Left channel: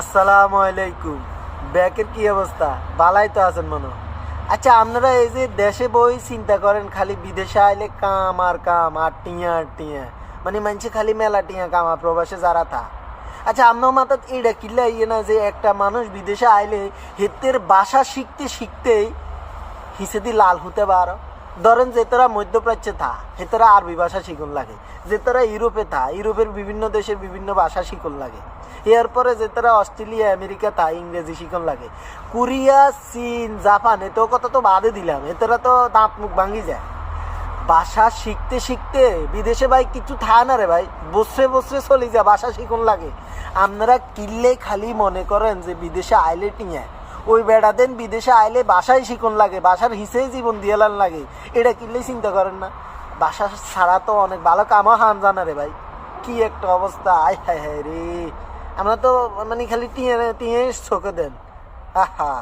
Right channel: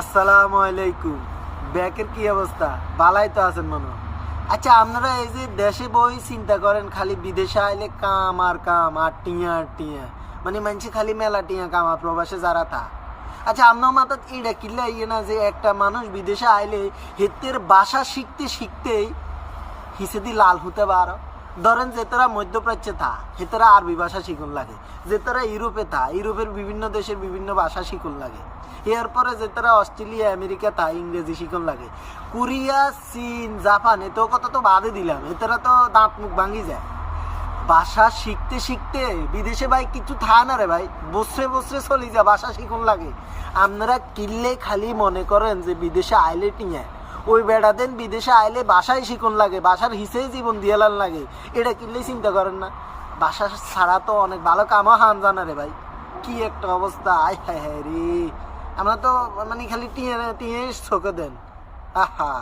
আসসালামু আলাইকুম। ব্যাকের কি অবস্থা? বালাই তো আছেন মনে হয়। আচ্ছা, আপনারা এই যে দেশে বই চিন্তা করেন, খালি বিদেশে আইলে কাম আর কাম আর টিয়া আর টিয়া, মানে মানছে খালি মেলা টিয়া কামা প্রবাসে যারা থা। আচ্ছা, আপনার মাথাত এইটা কিল্লা ইয়ে না যে একটা মানুষ বিদেশে আইলে হেতের ভাষা শিখতে শিখতেই হিসেদি লাল হতে পারো। ধরেন যে তারা মধ্যপ্রাচ্যে থা, হেতারা আরবি ভাষা শিখুন লাগে। যে তারা ইউরোপে থা, ইউরোপের বিভিন্ন দেশের বিভিন্ন ভাষা শিখুন লাগে। এরপরে যে তারা অস্ট্রেলিয়া আমেরিকা থা, ইংরেজি শিখুন লাগে। কোরিয়া, চীন, জাপান, এতেও কথা তো বাদে দিলাম, এতারা তো দাঁত মুখ ভাঙি যায়। ভাষা শিখতে শিখতে বিদেশে ভাই কিছু থা না রে ভাই, বসরে বসরে চলে যায়, ভাষা শিখুন লাগে। আপনারা কিনলে খালি মনে করেন যে বিদেশে আইলে টিয়া, ওই বেড়া দেন বিদেশে আইলে বাসায় শিখুন লাগে, বাসার হিসেবে জীবন দিয়ালান লাগে। এটা কিনলেই চিন্তা করেন না, বাসা ছাড়া তো অনেক ভালো কামা হান জানা রে ভাই। কি একটা অবস্থা, আয় হায় হায় রে। আমরা তো মানে খালি টিয়ে টিয়ে চোখে দেন। আহা।